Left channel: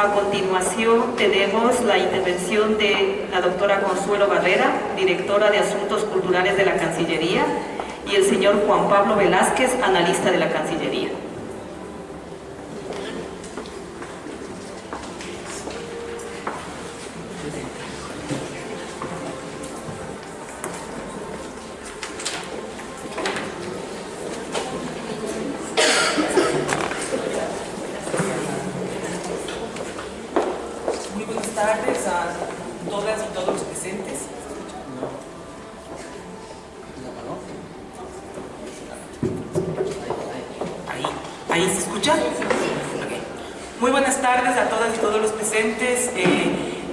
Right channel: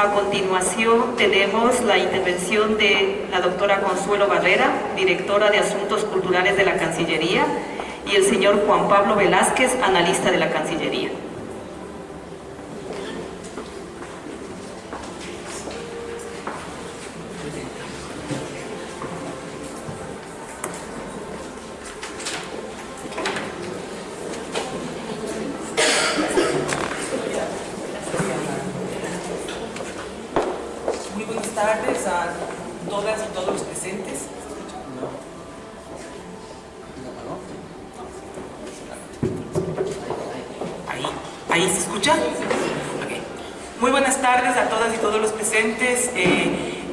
A continuación tenemos la intervención de la doctora Consuelo Barrera, directora de Asuntos Culturales de la Cancillería, y el señor Juan Pablo Velázquez, analista de la Cancillería. Buenas tardes a todas y todos los presentes. ¿Ahí se escucha? Okay. Muy buenas tardes a todas y todos los presentes.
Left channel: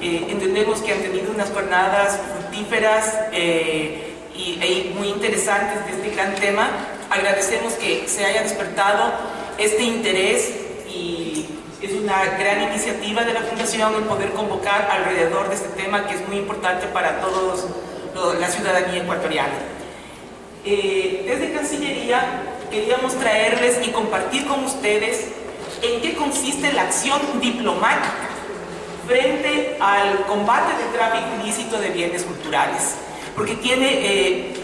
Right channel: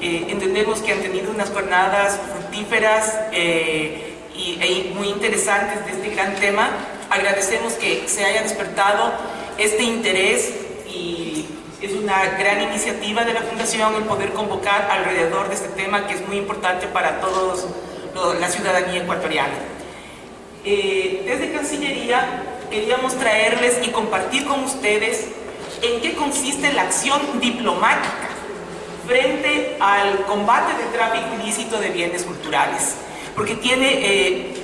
Entendemos que han tenido unas jornadas fructíferas y muy interesantes de este gran tema. Agradecemos que se haya despertado este interés y es una gran iniciativa de la Fundación el poder convocar alrededor de este tema que es muy importante para todos la ciudadanía ecuatoriana. Desde Cancillería queríamos traerles y compartir con ustedes en qué consiste la acción diplomática frente al combate del tráfico ilícito de bienes culturales, porque tiene,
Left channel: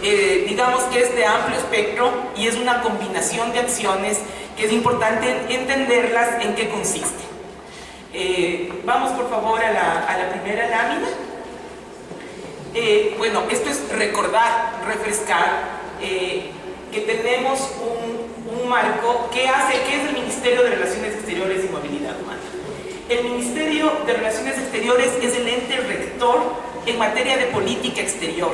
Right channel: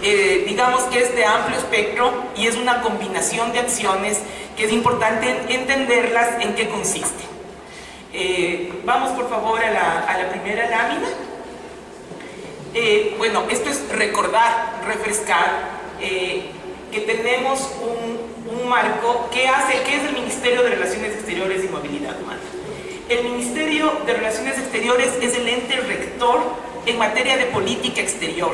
digamos que es de amplio espectro y es una combinación de acciones que es importante entenderlas en qué consiste. Vamos por favor a la primera lámina. Bueno, esto es recordar, refrescar que tenemos un marco que es el Ministerio de Relaciones Exteriores y Movilidad Humana. El Ministerio de Relaciones Exteriores es el ente rector en materia de política exterior.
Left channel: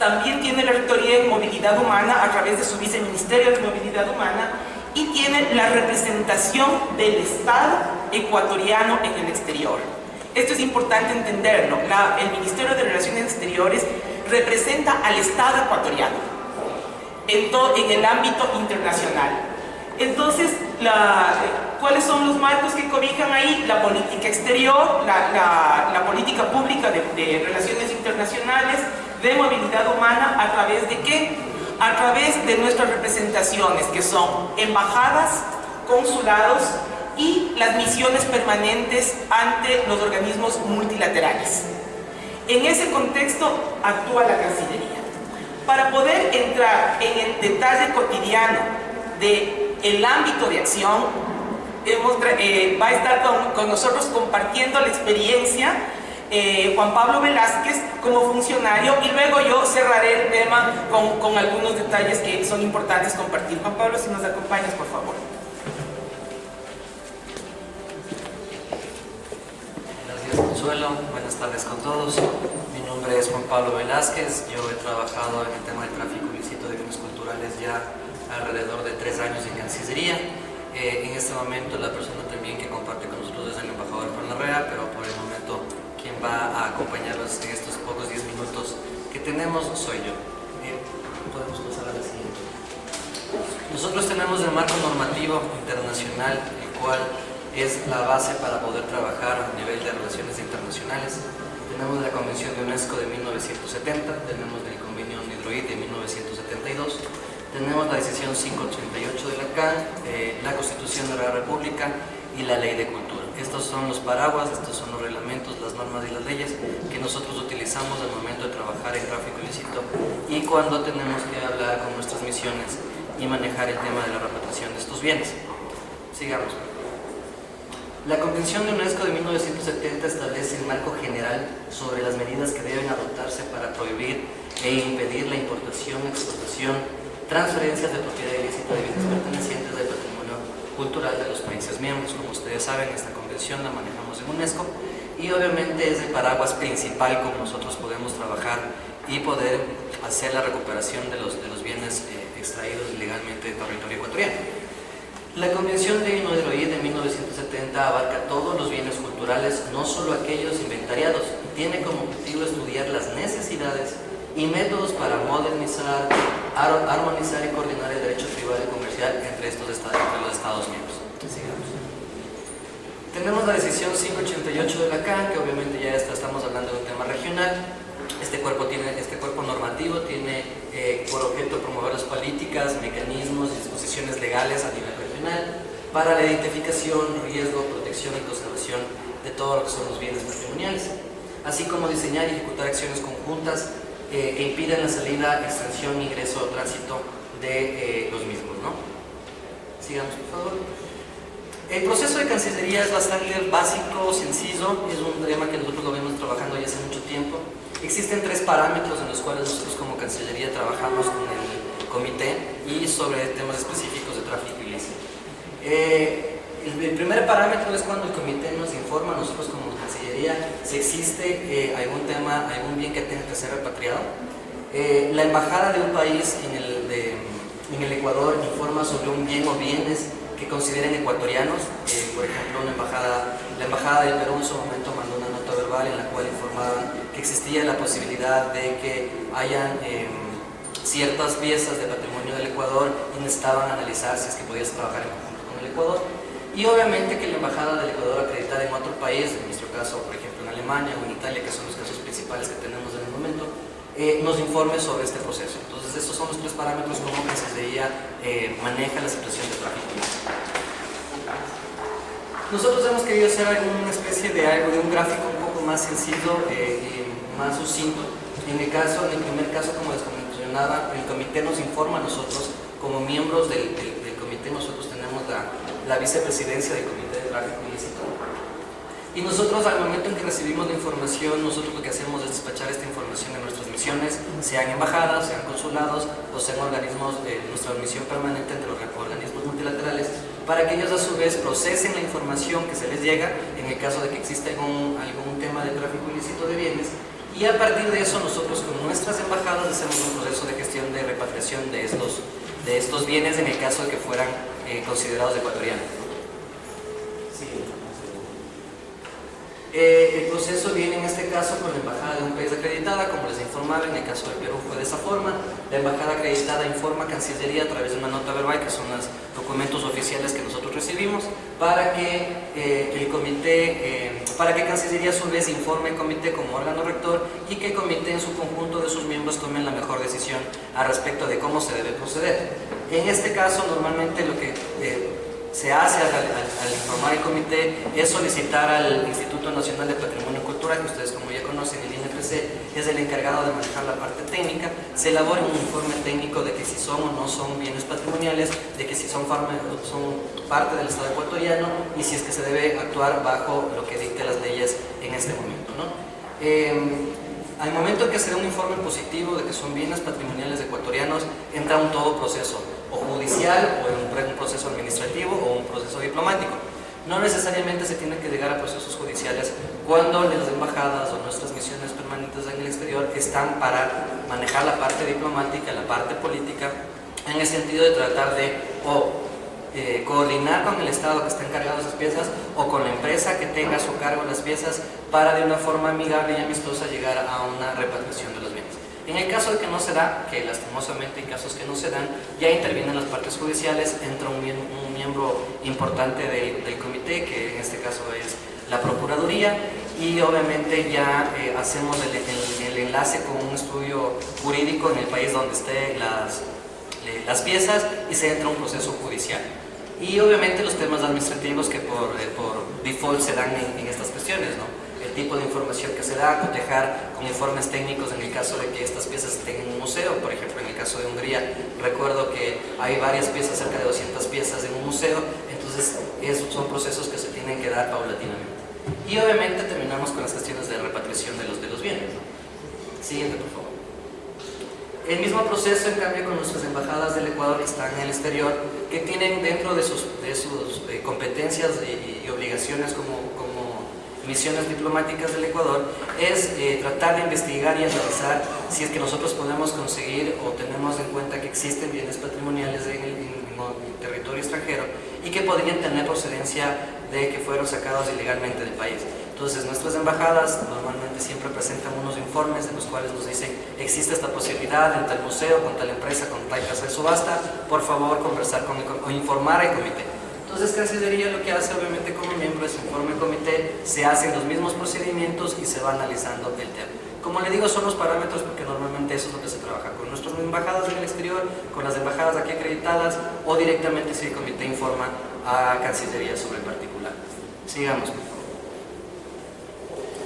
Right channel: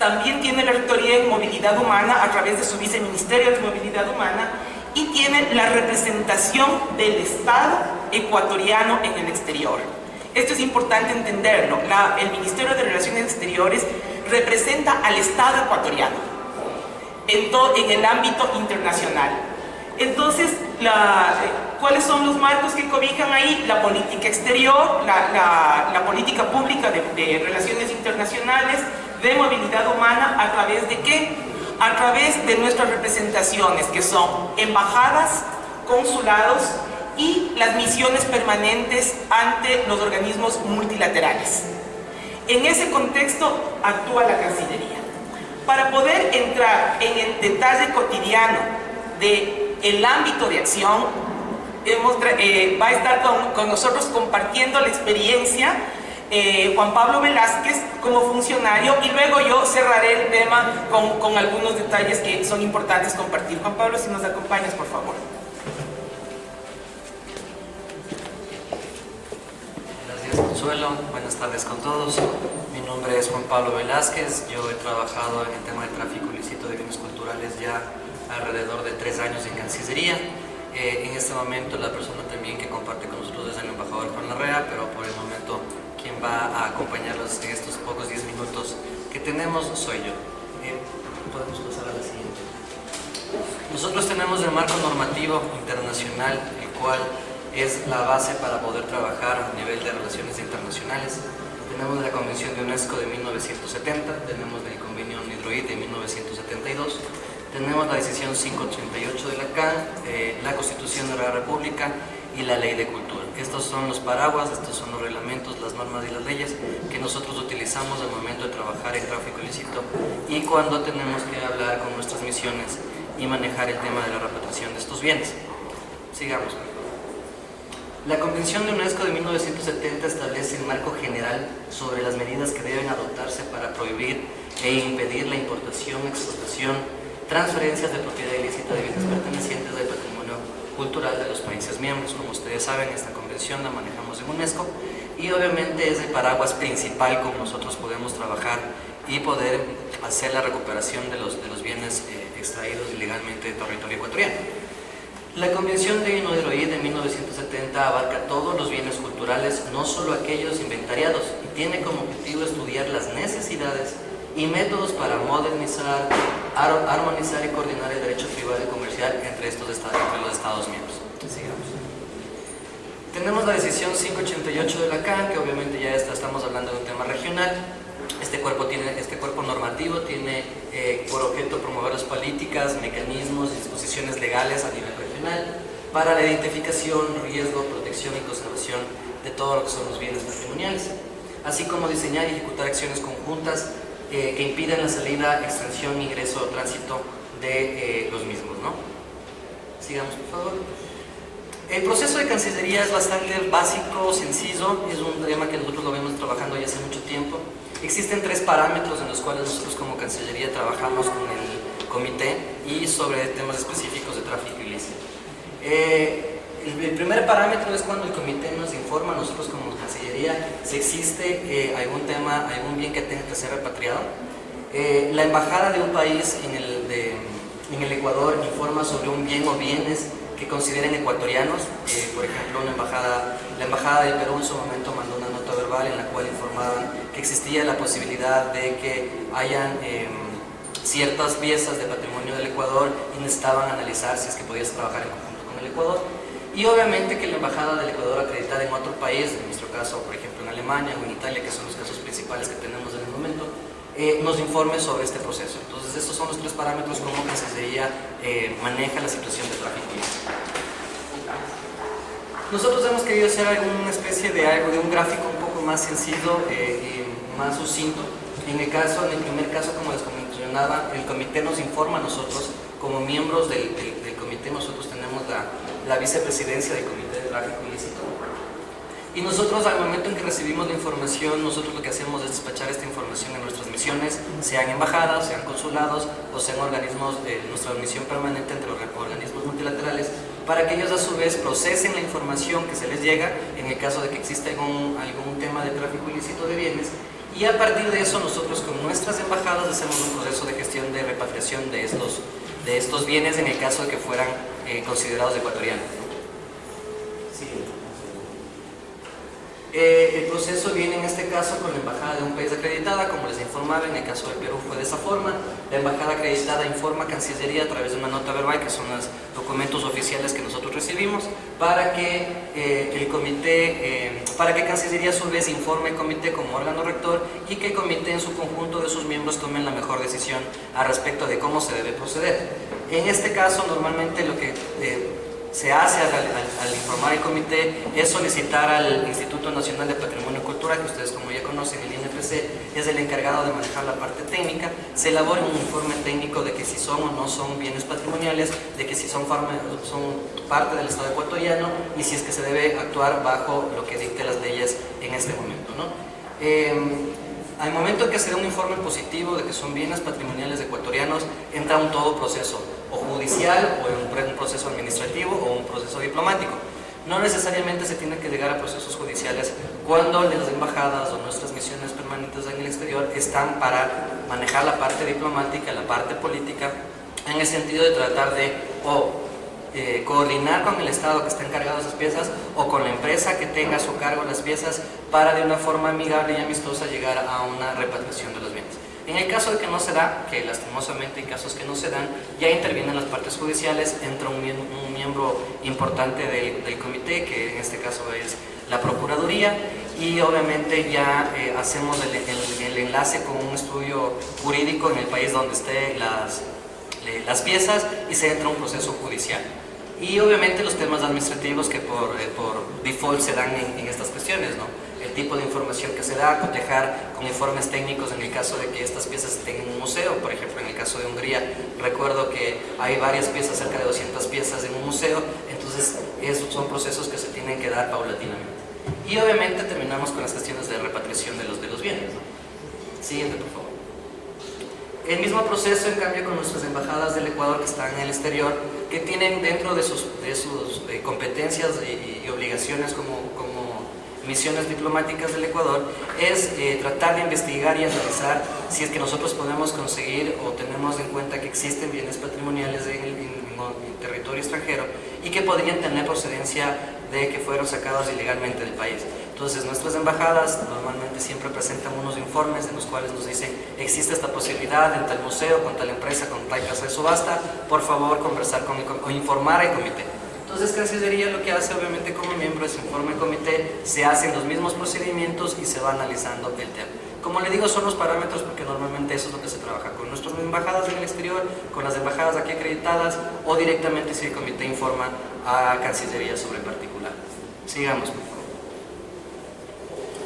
También tiene la rectoría en movilidad humana a través de su viceministerio de movilidad humana y tiene la representación del Estado ecuatoriano en el exterior. Esto es importante entenderlo. El Ministerio de Relaciones Exteriores representa al Estado ecuatoriano en el ámbito internacional. Entonces, ¿cuáles son los marcos que cobijan ahí? La política exterior, la política pública de relaciones internacionales, de movilidad humana, ¿a través de qué? A través de nuestras representaciones, que son embajadas, consulados y las misiones permanentes ante los organismos multilaterales. En ese contexto actúa la Cancillería. Para poder entrar en el detalle cotidiano del ámbito de acción, va a estar con nosotros compartiendo la experiencia Juan Pablo Velázquez como funcionario, y luego yo cerraré el tema con algunos detalles que son importantes compartir. Juan Pablo, si nos acompañas, por favor. Gracias, Consuelo. Buenas tardes con todos. Mi nombre es Juan Pablo Velázquez. Yo he trabajado en el tema de tráfico ilícito de bienes culturales ya alrededor de 3 años en Cancillería. En este momento la persona también que comparte con nosotros es el embajador Juan Larrea, pero por el momento quien va a acompañarlos en estos pocos 10 minutos que tenemos soy yo. Podemos pasar a la siguiente. Nosotros tenemos el marco normativo internacional, el cual es la base para poder trabajar a nivel de relaciones internacionales. Tenemos la Convención de UNESCO de 1970, tenemos el Convenio Hidroid de 1972, tenemos la decisión 588 de la CAN, la Constitución de la República y la Ley de Cultura. Estos son los paraguas, estos son los reglamentos, las normas y las leyes que nosotros utilizamos al momento de trabajar en tráfico ilícito y cuando tenemos que hablar con nuestras misiones y manejar el tema de la repatriación de estos bienes. Sigamos. La Convención de UNESCO de 1970 establece el marco general sobre las medidas que deben adoptarse para prohibir e impedir la importación, exportación, transferencias de propiedad ilícita de bienes pertenecientes al patrimonio cultural de los países miembros. Como ustedes saben, esta convención la manejamos en UNESCO y obviamente es el paraguas principal como nosotros podemos trabajar y poder hacer la recuperación de los bienes extraídos ilegalmente de territorio ecuatoriano. La Convención de Hidroid de 1970 abarca todos los bienes culturales, no solo aquellos inventariados, y tiene como objetivo estudiar las necesidades y métodos para modernizar, armonizar y coordinar el derecho privado y comercial entre los Estados miembros. Sigamos. Tenemos la decisión 588 de la CAN, que obviamente ya estamos hablando de un tema regional. Este cuerpo normativo tiene por objeto promover las políticas, mecanismos y disposiciones legales a nivel regional. para la identificación, riesgo, protección y conservación de todo lo que son los bienes patrimoniales, así como diseñar y ejecutar acciones conjuntas que impidan la salida, extracción, ingreso o tránsito de los mismos, ¿no? Sigamos, por favor. El proceso de Cancillería es bastante básico, sencillo, es un tema que nosotros lo venimos trabajando ya hace mucho tiempo. Existen 3 parámetros en los cuales nosotros como Cancillería trabajamos con el comité y sobre temas específicos de tráfico ilícito. El primer parámetro es cuando el comité nos informa a nosotros como Cancillería si existe algún tema, algún bien que tenga que ser repatriado. La embajada de un país en el Ecuador informa sobre un bien o bienes que consideren ecuatorianos. Por ejemplo, la embajada del Perú en su momento mandó una nota verbal en la cual informaban que existía la posibilidad de que hayan ciertas piezas de patrimonio del Ecuador y necesitaban analizar si es que podías trabajar en conjunto con el Ecuador. Y obviamente que la embajada del Ecuador acreditada en otro país, en nuestro caso por ejemplo en Alemania o en Italia, que son los casos principales que tenemos en el momento, nos informe sobre este proceso. Entonces estos son los 3 parámetros como Cancillería maneja la situación de tráfico ilícito. Nosotros hemos querido hacer alguna especie de un gráfico un poco más sencillo y más sucinto. En el primer caso, como les mencionaba, el comité nos informa a nosotros, como miembros del comité, nosotros tenemos la vicepresidencia del comité de tráfico ilícito. Y nosotros al momento en que recibimos la información, nosotros lo que hacemos es despachar esta información en nuestras misiones, sean embajadas, sean consulados o sean organismos de nuestra misión permanente entre los organismos multilaterales, para que ellos a su vez procesen la información que se les llega en el caso de que exista algún tema de tráfico ilícito de bienes, y a partir de eso nosotros con nuestras embajadas hacemos un proceso de gestión de repatriación de estos bienes en el caso de que fueran considerados ecuatorianos. Sí. El proceso viene en este caso con la embajada de un país acreditada, como les informaba, en el caso de Perú fue de esa forma. La embajada acreditada informa a Cancillería a través de una nota verbal, que son los documentos oficiales que nosotros recibimos, para que Cancillería a su vez informe al comité como órgano rector y que el comité en su conjunto de sus miembros tomen la mejor decisión al respecto de cómo se debe proceder. En este caso, normalmente lo que se hace al informar el comité es solicitar al Instituto Nacional de Patrimonio Cultural, que ustedes como ya conocen, el INPC es el encargado de manejar la parte técnica, se elabore un informe técnico de que si son o no son bienes patrimoniales, de que si son parte del Estado ecuatoriano y si es que se debe actuar bajo lo que dicte las leyes en este momento, ¿no? Al momento en que se da un informe positivo de que son bienes patrimoniales ecuatorianos, entra un todo proceso, o judicial, o un proceso administrativo, o un proceso diplomático. No necesariamente se tiene que llegar a procesos judiciales cuando las embajadas o nuestras misiones permanentes en el exterior están para manejar la parte diplomática, la parte política, en el sentido de tratar de coordinar con el Estado que está encargado de esas piezas o con la empresa que tenga a su cargo las piezas para de una forma amigable y amistosa llegar a una repatriación de los bienes. En el caso de que no se da, que lastimosamente en casos que no se dan, ya intervienen las partes judiciales, entra un miembro importante del comité, que en este caso es la Procuraduría, y obviamente ya hacemos el enlace con un estudio jurídico en el país donde estén las piezas y se entra un proceso judicial. Y obviamente los temas administrativos que por default se dan en estas cuestiones, ¿no? El tipo de información que se da, cotejar con informes técnicos en el caso de que estas piezas estén en un museo. Por ejemplo, en el caso de Hungría, recuerdo que hay varias piezas, cerca de 200 piezas en un museo, entonces esos son procesos que se tienen que dar paulatinamente. Y obviamente terminamos con las cuestiones de repatriación de los bienes, ¿no? Siguiente, por favor. El mismo proceso, en cambio, con nuestras embajadas del Ecuador que están en el exterior, que tienen dentro de sus competencias y obligaciones como misiones diplomáticas del Ecuador, es tratar de investigar y analizar si es que nosotros podemos conseguir o tenemos en cuenta que existen bienes patrimoniales en el territorio extranjero y que podrían tener procedencia de que fueron sacados ilegalmente del país. Entonces nuestras embajadas normalmente siempre presentan unos informes en los cuales nos dicen: existe esta posibilidad en tal museo, con tal empresa, con tal casa de subasta, por favor conversar o informar al comité. Entonces Cancillería lo que hace obviamente como miembro es informa al comité, se hacen los mismos procedimientos y se va analizando el tema. Como le digo, son los parámetros porque normalmente eso es lo que se trabaja con nuestras embajadas en el exterior, con las embajadas aquí acreditadas o directamente si el comité informa a Cancillería sobre particular. Sigamos, por favor.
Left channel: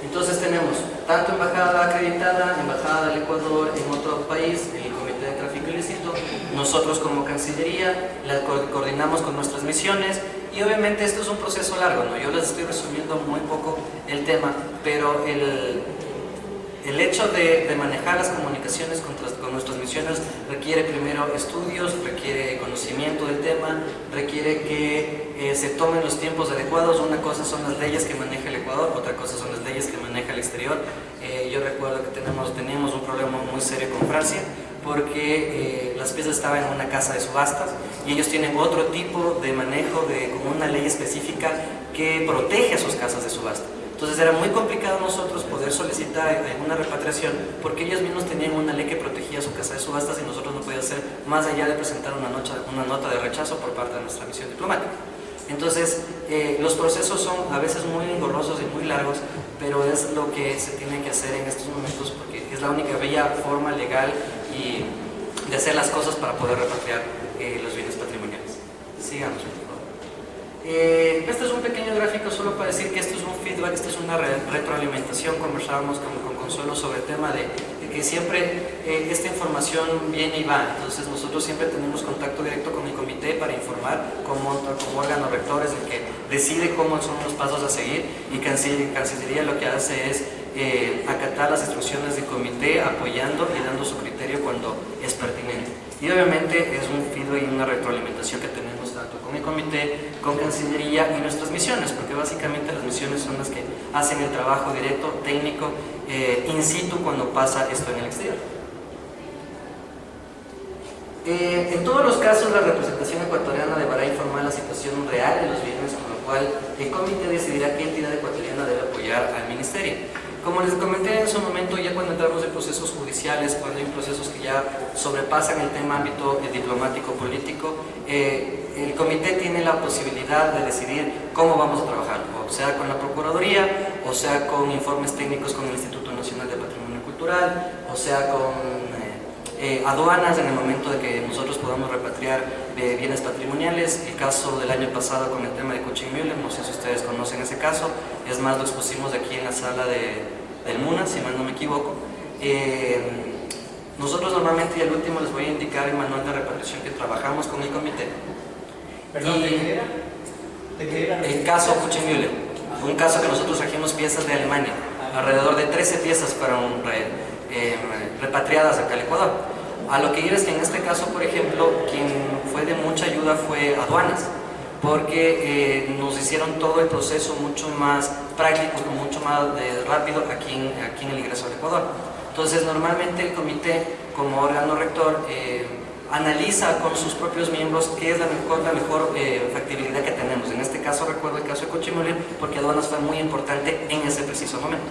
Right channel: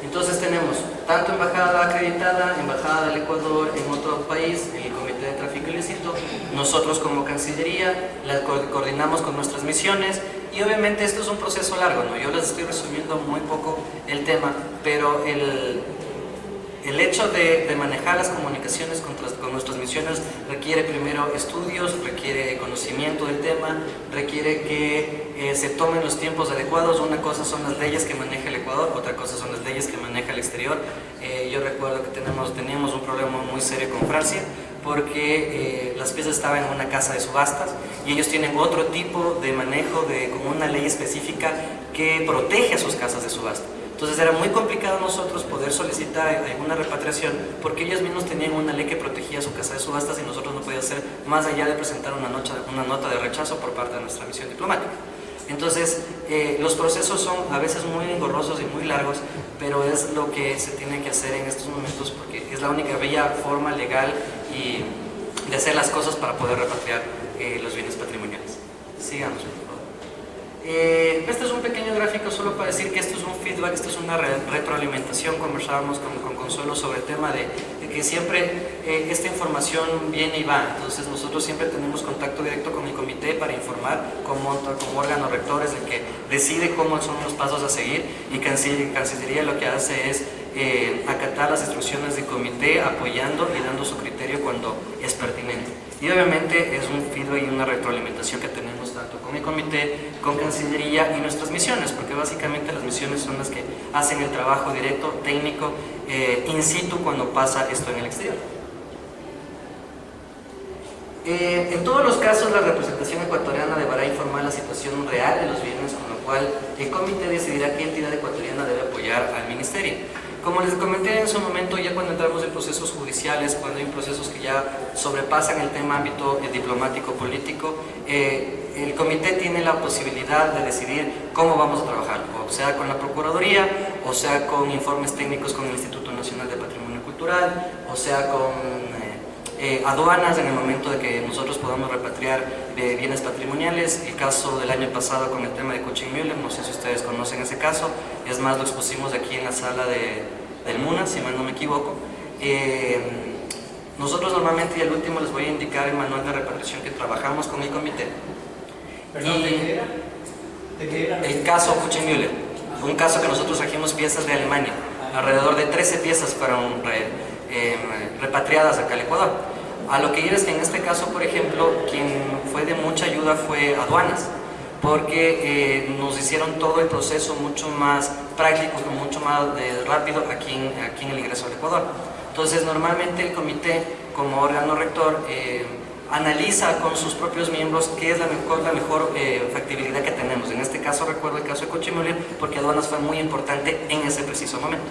Entonces tenemos tanto embajada acreditada, embajada del Ecuador en otro país, el Comité de Tráfico Ilícito, nosotros como Cancillería la coordinamos con nuestras misiones y obviamente esto es un proceso largo, ¿no? Yo les estoy resumiendo muy poco el tema, pero el hecho de manejar las comunicaciones con nuestras misiones requiere primero estudios, requiere conocimiento del tema, requiere que se tomen los tiempos adecuados. Una cosa son las leyes que maneja el Ecuador, otra cosa son las leyes que maneja el exterior. Yo recuerdo que teníamos un problema muy serio con Francia porque las piezas estaban en una casa de subastas y ellos tienen otro tipo de manejo como una ley específica que protege a sus casas de subasta. Entonces era muy complicado nosotros poder solicitar una repatriación porque ellos mismos tenían una ley que protegía su casa de subastas y nosotros no podíamos hacer más allá de presentar una nota de rechazo por parte de nuestra misión diplomática. Entonces los procesos son a veces muy engorrosos y muy largos, pero es lo que se tiene que hacer en estos momentos porque es la única forma legal y de hacer las cosas para poder repatriar los bienes patrimoniales. Sigamos. Este es un pequeño gráfico solo para decir que esto es un feedback, esto es una retroalimentación. Conversábamos con Consuelo sobre el tema de que siempre esta información viene y va. Entonces nosotros siempre tenemos contacto directo con el comité para informar como órgano rector, es el que decide cómo son los pasos a seguir, y Cancillería lo que hace es acatar las instrucciones del comité, apoyando y dando su criterio cuando es pertinente. Y obviamente es un feedback y una retroalimentación que tenemos tanto con el comité, con Cancillería y nuestras misiones, porque básicamente las misiones son las que hacen el trabajo directo, técnico, in situ cuando pasa esto en el exterior. En todos los casos la representación ecuatoriana deberá informar la situación real de los bienes, con lo cual el comité decidirá qué entidad ecuatoriana debe apoyar al ministerio. Como les comenté en su momento, ya cuando entramos en procesos judiciales, cuando hay procesos que ya sobrepasan el tema ámbito diplomático político, el comité tiene la posibilidad de decidir cómo vamos a trabajar, o sea con la Procuraduría, o sea con informes técnicos con el Instituto Nacional de Patrimonio Cultural, o sea con aduanas en el momento de que nosotros podamos repatriar bienes patrimoniales. El caso del año pasado con el tema de Kuchenmüller, no sé si ustedes conocen ese caso, es más, lo expusimos aquí en la sala del MUNA, si mal no me equivoco. Nosotros normalmente, y al último les voy a indicar el manual de repatriación que trabajamos con el comité. ¿Perdón, de qué era? ¿De qué era? El caso Kuchenmüller, un caso que nosotros trajimos piezas de Alemania, alrededor de 13 piezas fueron repatriadas acá al Ecuador. A lo que ir es que en este caso, por ejemplo, quien fue de mucha ayuda fue aduanas, porque nos hicieron todo el proceso mucho más práctico, mucho más rápido aquí en el ingreso al Ecuador. Entonces normalmente el comité como órgano rector analiza con sus propios miembros qué es la mejor factibilidad que tenemos. En este caso recuerdo el caso de Kuchenmüller porque aduanas fue muy importante en ese preciso momento.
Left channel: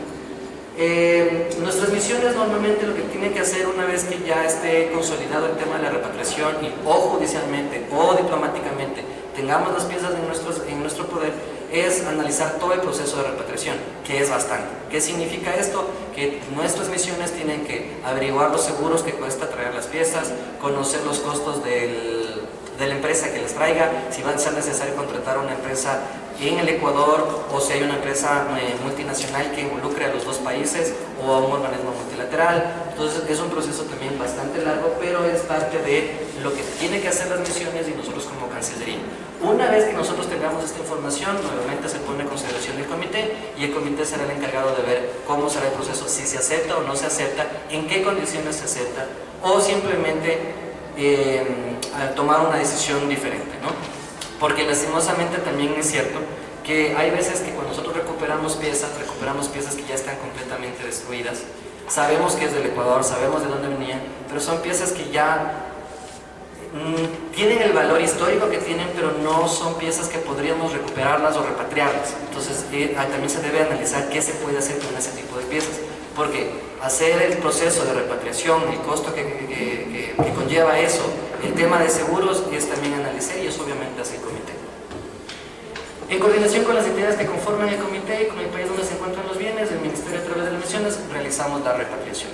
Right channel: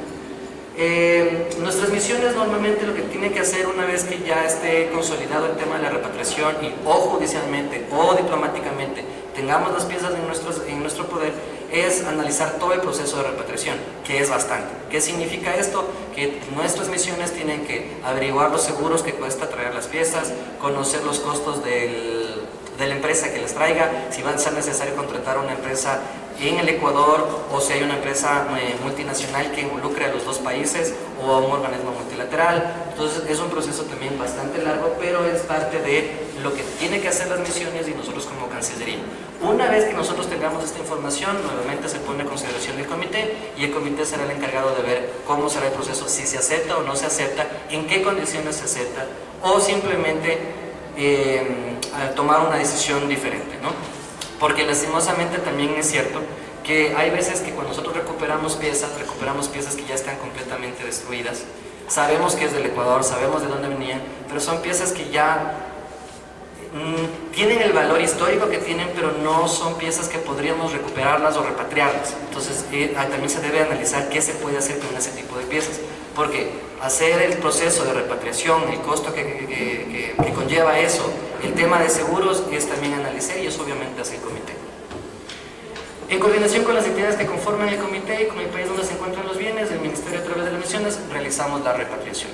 Nuestras misiones normalmente lo que tienen que hacer una vez que ya esté consolidado el tema de la repatriación y o judicialmente o diplomáticamente tengamos las piezas en nuestro poder, es analizar todo el proceso de repatriación, que es bastante. ¿Qué significa esto? Que nuestras misiones tienen que averiguar los seguros que cuesta traer las piezas, conocer los costos de la empresa que les traiga, si va a ser necesario contratar una empresa en el Ecuador o si hay una empresa multinacional que involucre a los dos países o a un organismo multilateral. Entonces es un proceso también bastante largo, pero es parte de lo que tiene que hacer las misiones y nosotros como Cancillería. Una vez que nosotros tengamos esta información, nuevamente se pone a consideración del comité y el comité será el encargado de ver cómo será el proceso, si se acepta o no se acepta, en qué condiciones se acepta o simplemente tomar una decisión diferente, ¿no? Porque lastimosamente también es cierto que hay veces que cuando nosotros recuperamos piezas que ya están completamente destruidas. Sabemos que es del Ecuador, sabemos de dónde venían, pero son piezas que ya tienen el valor histórico que tienen, pero no son piezas que podríamos recuperarlas o repatriarlas. Entonces también se debe analizar qué se puede hacer con ese tipo de piezas, porque hacer el proceso de repatriación, el costo que conlleva eso, el tema de seguros, es también analizar y eso obviamente hace el comité. En coordinación con las entidades que conforman el comité y con el país donde se encuentran los bienes, el Ministerio a través de las misiones realizamos la repatriación.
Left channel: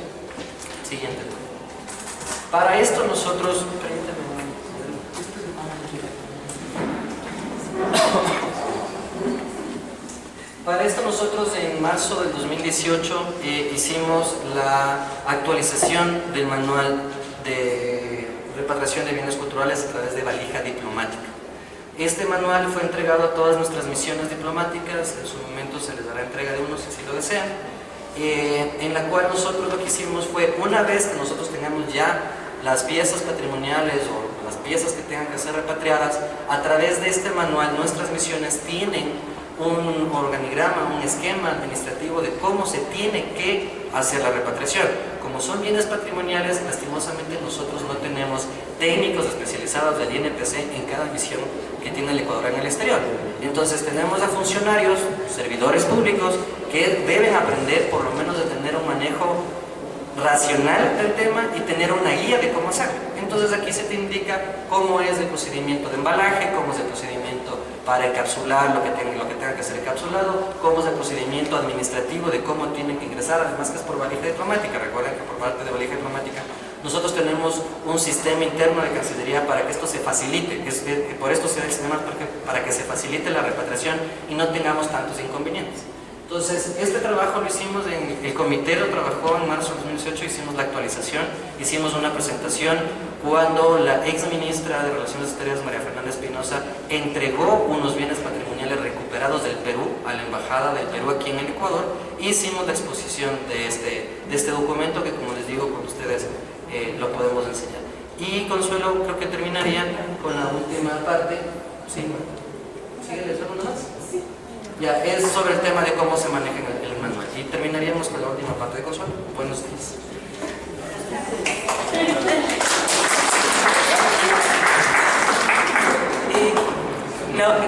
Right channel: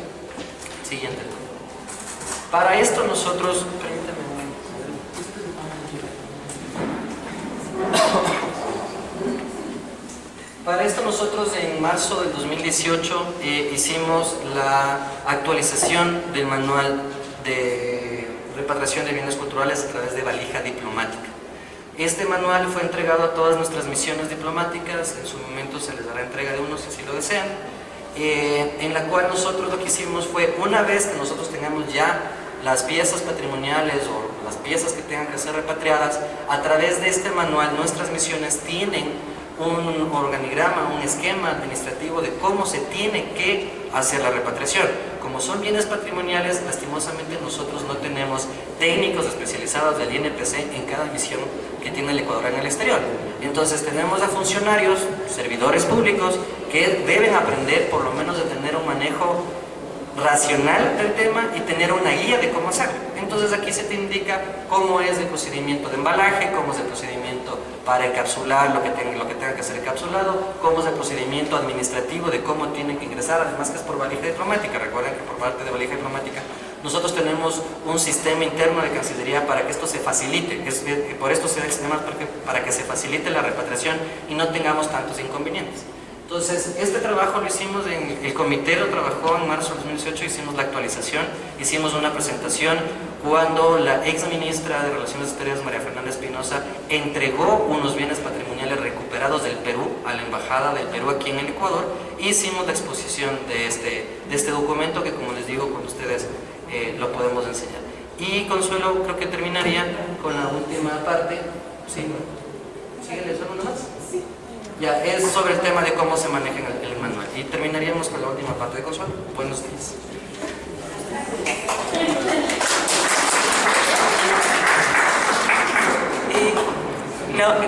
Siguiente. Para esto nosotros, Para esto nosotros en marzo del 2018 hicimos la actualización del manual de repatriación de bienes culturales a través de valija diplomática. Este manual fue entregado a todas nuestras misiones diplomáticas, en su momento se les dará entrega de uno si así lo desean, en la cual nosotros lo que hicimos fue, una vez que nosotros tengamos ya las piezas patrimoniales o las piezas que tengan que ser repatriadas, a través de este manual nuestras misiones tienen un organigrama, un esquema administrativo de cómo se tiene que hacer la repatriación. Como son bienes patrimoniales, lastimosamente nosotros no tenemos técnicos especializados del INPC en cada misión que tiene el Ecuador en el exterior. Entonces tenemos a funcionarios, servidores públicos, que deben aprender por lo menos de tener un manejo racional del tema y tener una guía de cómo hacerlo. Entonces aquí se te indica cómo es el procedimiento de embalaje, cómo es el procedimiento para encapsular lo que tenga que ser encapsulado, cómo es el procedimiento administrativo de cómo tienen que ingresar, además que es por valija diplomática. Recuerden que por parte de valija diplomática nosotros tenemos un sistema interno de Cancillería para que esto se facilite, que por esto se da el sistema para que se facilite la repatriación y no tengamos tantos inconvenientes. Entonces, este trabajo lo hicimos, el comité lo trabajó en marzo de 2018, hicimos la actualización, hicimos una presentación cuando la ex ministra de Relaciones Exteriores, María Fernanda Espinosa, entregó unos bienes patrimoniales recuperados del Perú a la Embajada del Perú aquí en el Ecuador, y hicimos la exposición de este documento que, como les digo, con ustedes lo podemos enseñar. Y Consuelo, creo que terminaría con la última parte. ¿Sí? ¿Sígueles uno más? Sí. Ya, es sobre el tema de cómo se maneja el manual. Y terminaríamos con la última parte de Consuelo. Buenos días.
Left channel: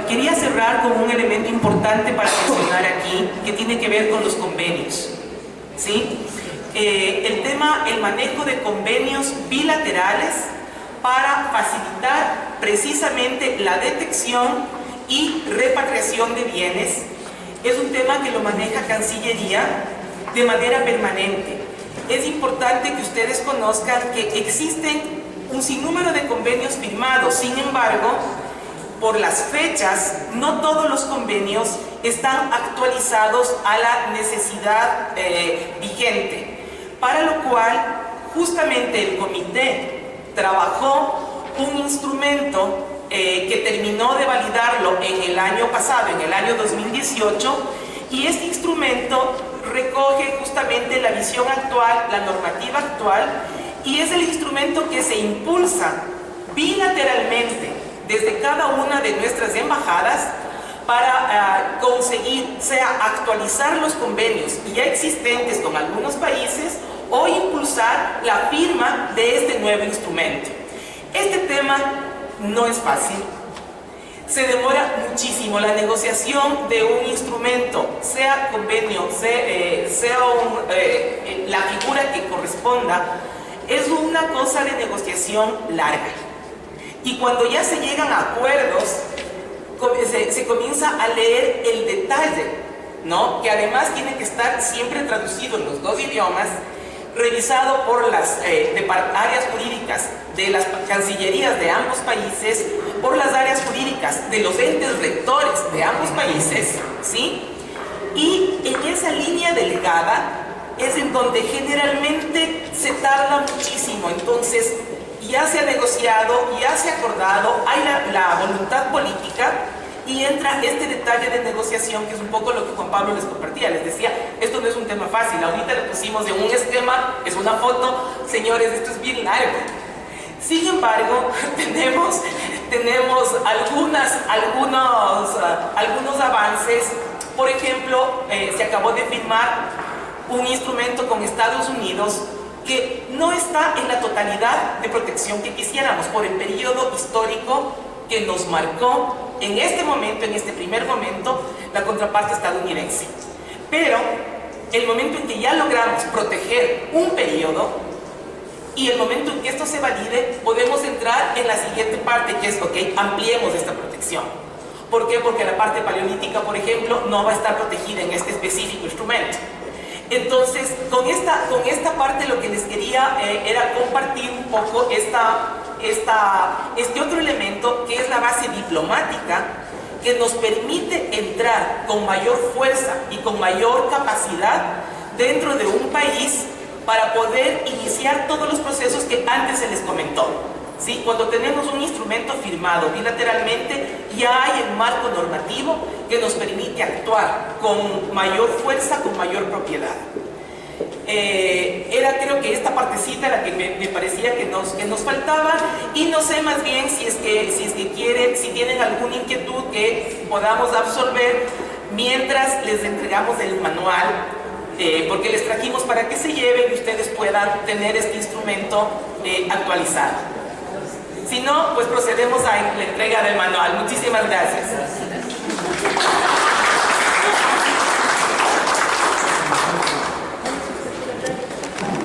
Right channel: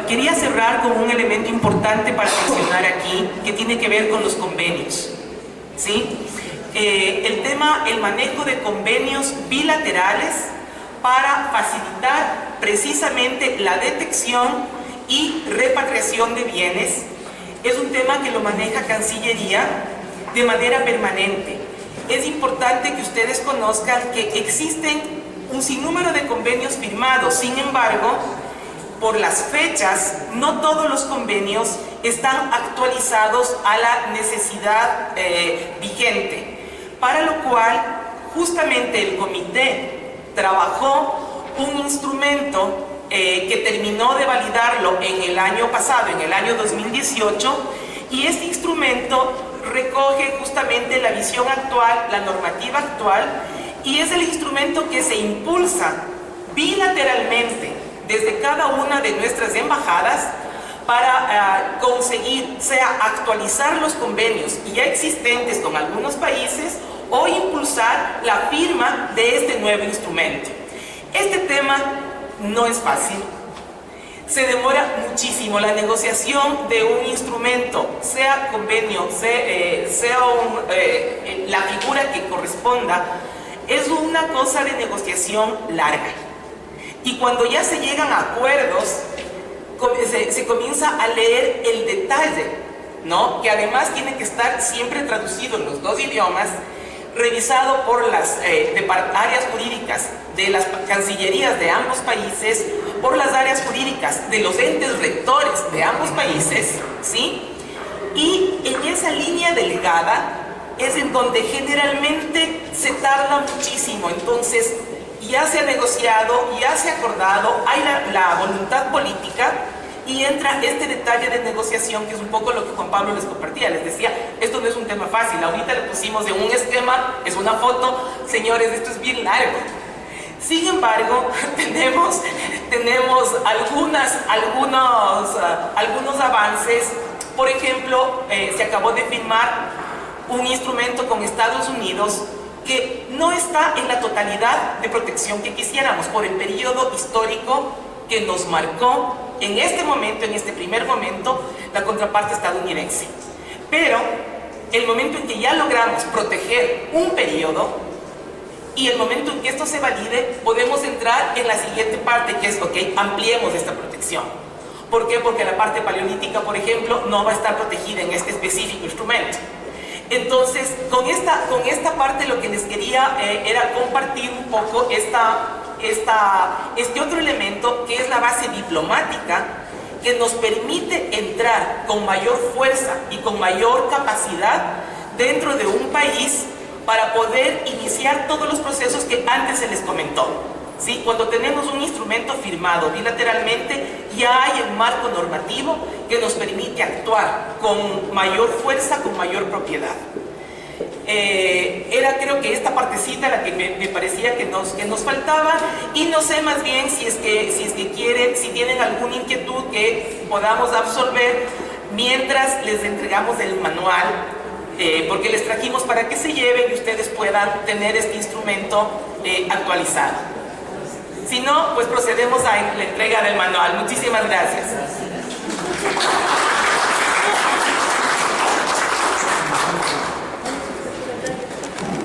Quería cerrar con un elemento importante para mencionar aquí, que tiene que ver con los convenios. ¿Sí? El manejo de convenios bilaterales para facilitar precisamente la detección y repatriación de bienes es un tema que lo maneja Cancillería de manera permanente. Es importante que ustedes conozcan que existen un sinnúmero de convenios firmados. Sin embargo, por las fechas, no todos los convenios están actualizados a la necesidad vigente, para lo cual justamente el comité trabajó un instrumento que terminó de validarlo en el año pasado, en el año 2018, y este instrumento recoge justamente la visión actual, la normativa actual, y es el instrumento que se impulsa bilateralmente desde cada una de nuestras embajadas para conseguir, sea actualizar los convenios ya existentes con algunos países o impulsar la firma de este nuevo instrumento. Este tema no es fácil, se demora muchísimo. La negociación de un instrumento, sea convenio, sea la figura que corresponda, es una cosa de negociación larga. Y cuando ya se llegan a acuerdos, se comienza a leer el detalle, ¿no? Que además tiene que estar siempre traducido en los dos idiomas, revisado por las áreas jurídicas de las cancillerías de ambos países, por las áreas jurídicas de los entes rectores de ambos países, ¿sí? Y en esa línea delgada es en donde generalmente se tarda muchísimo. Entonces, ya se ha negociado, ya se ha acordado, hay la voluntad política, y entra este detalle de negociación, que es un poco lo que Juan Pablo les compartía. Les decía, esto no es un tema fácil. Ahorita le pusimos de un esquema, es una foto. Señores, esto es bien largo. Sin embargo, tenemos algunos avances. Por ejemplo, se acabó de firmar un instrumento con Estados Unidos que no está en la totalidad de protección que quisiéramos por el periodo histórico que nos marcó en este momento, en este primer momento, la contraparte estadounidense. Pero el momento en que ya logramos proteger un periodo y el momento en que esto se valide, podemos entrar en la siguiente parte, que es, ok, ampliemos esta protección. ¿Por qué? Porque la parte paleolítica, por ejemplo, no va a estar protegida en este específico instrumento. Entonces, con esta parte lo que les quería era compartir un poco este otro elemento, que es la base diplomática, que nos permite entrar con mayor fuerza y con mayor capacidad dentro de un país para poder iniciar todos los procesos que antes se les comentó. ¿Sí? Cuando tenemos un instrumento firmado bilateralmente, ya hay el marco normativo que nos permite actuar con mayor fuerza, con mayor propiedad. Era creo que esta partecita la que me parecía que nos faltaba, y no sé más bien si es que quieren, si tienen alguna inquietud que podamos absorber mientras les entregamos el manual, porque les trajimos para que se lleven y ustedes puedan tener este instrumento actualizado. Si no, pues procedemos a la entrega del manual. Muchísimas gracias.